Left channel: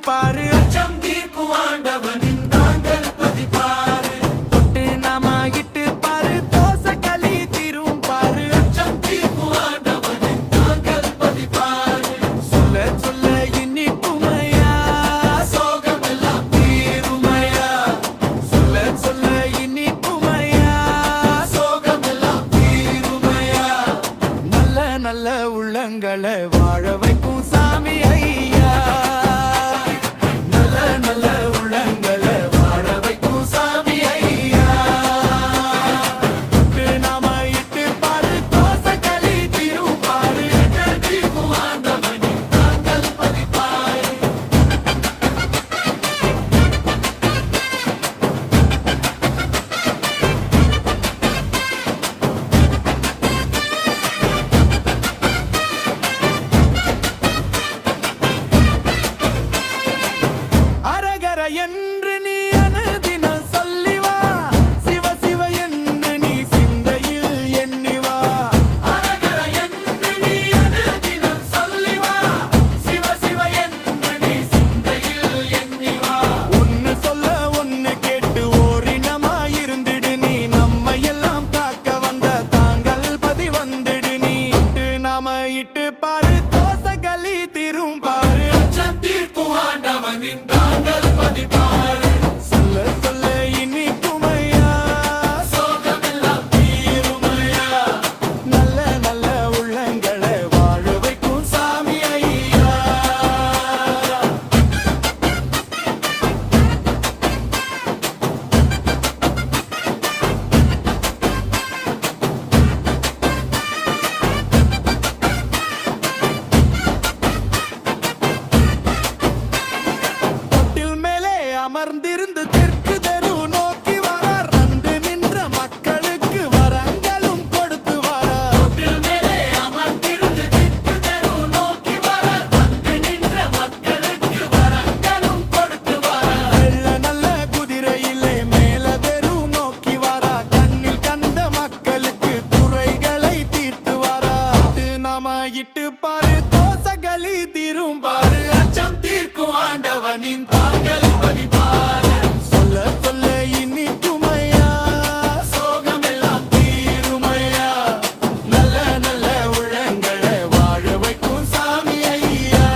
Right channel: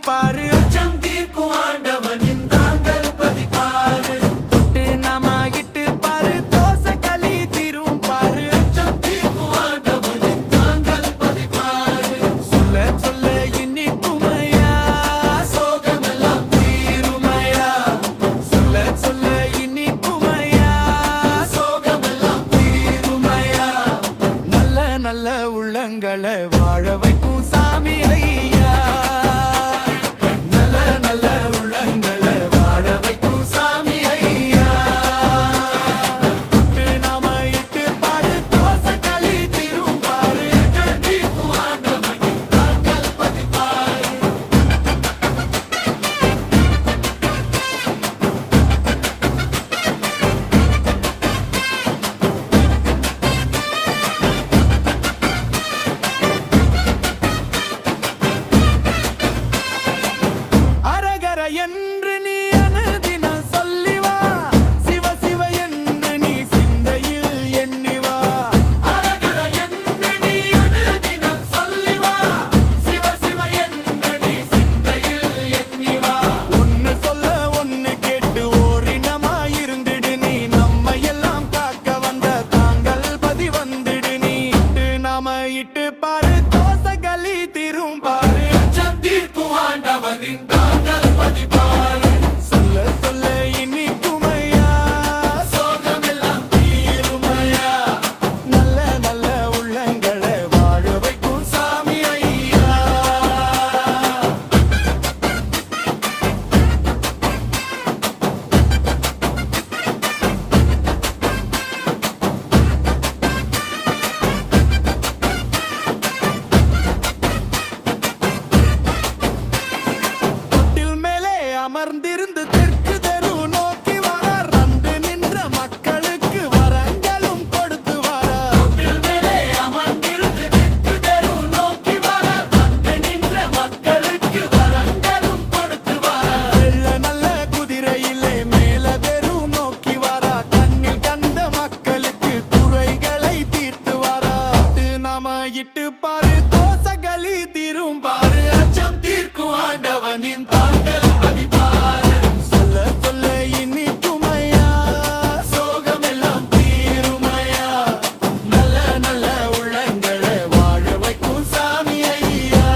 தீரும் பாரு அச்சம் தீர்க்கும் ஆண்டவனின் தாங்கள் பதிப்பாரு தொட்டு நாம இட்டு பாரு தோசை களி தீரும் பாரு அச்சம் தீர்க்கும் ஆண்டவனின் தாங்கள் பதிப்பாரு சொல்ல சொல்ல இனிக்குமையா சோகமெல்லாம் தீருமையா சொல்ல சொல்ல இனிக்குமையா சோகமெல்லாம் தீருமையா நல்ல நல்ல உள்ளங்களை வாழ வைக்கும் சாமி ஐயா நல்ல நல்ல உள்ளங்களை வாழ வைக்கும் சாமி ஐயா தொட்டு நாம இட்டு பாரு தோசை களி தீரும் பாரு தீர்க்கும் ஆண்டவனின் தாங்கள் பதிப்பாரு அரகர என்று நீ அனுதினம் சொல்லி வா சிவ சிவ என்று நீ சிந்தையில் எண்ணி வா அரகர என்று நீ அனுதினம் சொல்லி வா சிவ சிவ என்று நீ சிந்தையில் எண்ணி வா ஒன்னு சொல்ல ஒன்னு கேட்டு ஓரினமா இருந்திடு நீ நம்ம எல்லாம் காக்க வந்த தாங்கள் பதி வந்துடு நீ நாம இட்டு பாரு தோசை களி தீரும் பாரு அச்சம் தீர்க்கும் ஆண்டவனின் தாங்கள் பதிப்பாரு சொல்ல சொல்ல இனிக்குமையா சோகமெல்லாம் தீருமையா நல்ல நல்ல உள்ளங்களை வாழ வைக்கும் சாமி ஐயா தொட்டில் மேலே அமர்ந்திருந்து தெற்கு தெரு நோக்கி வரார் வந்து நின்ற மக்களுக்கு வரங்களும் கொடுத்து வரார் தொட்டில் மேலே அமர்ந்திருந்து தெற்கு தெரு நோக்கி வரார் வந்து நின்ற மக்களுக்கு வரங்களும் கொடுத்து வரார் வெள்ள நல்ல குதிரையிலே மேல தெரு நோக்கி வரார் கண்ணில் கண்ட மக்களுக்கு குறைகளை தீர்த்து வரார் நாம இட்டு பாரு தோசை களி தீரும் பாரு அச்சம் தீர்க்கும் ஆண்டவனின் தாங்கள் பதிப்பாரு சொல்ல சொல்ல இனிக்குமையா சோகமெல்லாம் தீருமையா நல்ல நல்ல உள்ளங்களை வாழ வைக்கும் சாமி ஐயா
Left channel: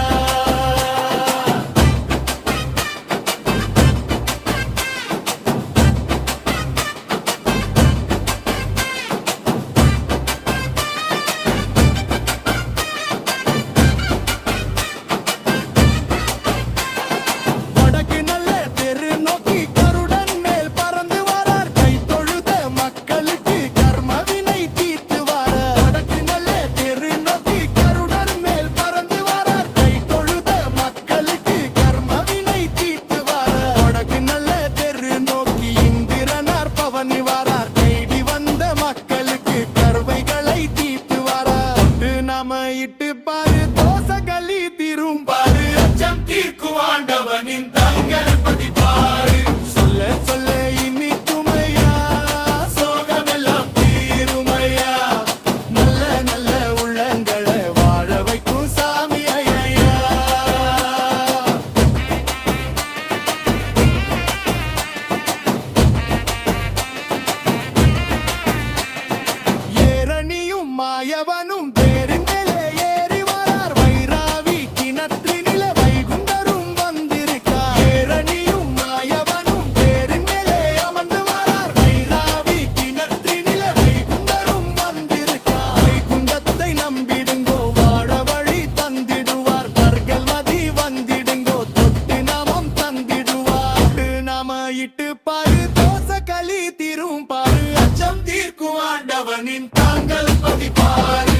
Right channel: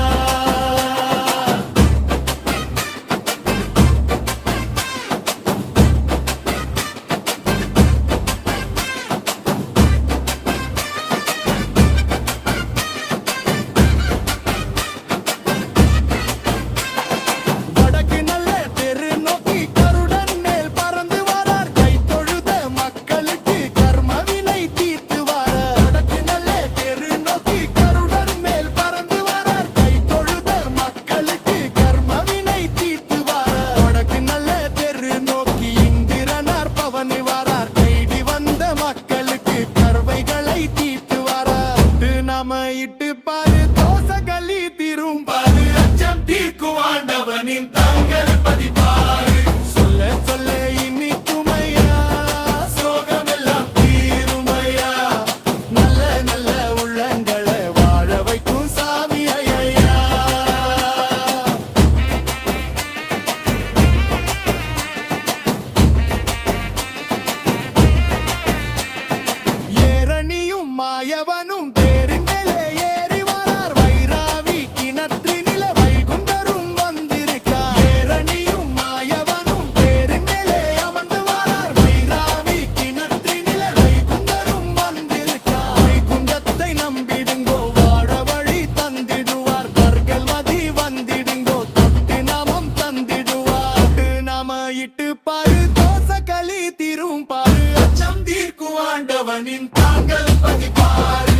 வடக்கு நல்ல தெரு நோக்கி கருடன் மேல் பறந்து வரார் கை தொழுத மக்களுக்கு கர்மவினை தீர்த்து வரார் வடக்கு நல்ல தெரு நோக்கி கருடன் மேல் பறந்து வரார் கை தொழுத மக்களுக்கு கர்மவினை தீர்த்து வரார் வடக்கு நல்ல தெரு நோக்கி இந்திரனார் பவனி வரார் கைடி வந்த மக்களுக்கு கர்வைகளை தீர்த்து வரார் நாம இட்டு பாரு தோசை களி தீரும் பாரு அச்சம் தீர்க்கும் ஆண்டவனின் தாங்கள் பதிப்பாரு சொல்ல சொல்ல இனிக்குமையா சோகமெல்லாம் தீருமையா நல்ல நல்ல உள்ளங்களை வாழ வைக்கும் சாமி ஐயா ஏரணியும் மாயவனும் தேரின் மேலே ஏறி வரார் வைராவி கிணற்றினில வைகுண்டரும் வந்திருக்கார் ஏரணியும் மாயவனும் தேரின் மேலே அமர்ந்து வரார் வைராவி கிணற்றினில வைகுண்டரும் வந்திருக்கார் வைகுண்டத்தை நம்பிடுங்கோ வாழ வழி தந்திடுவார் வர்கள் மதி வந்திடுங்கோ தொட்டு நாமம் தந்திடுவார் நாம இட்டு பாரு தோசை களி தீரும் பாரு அச்சம் தீர்க்கும் ஆண்டவனின் தாங்கள் பதிப்பாரு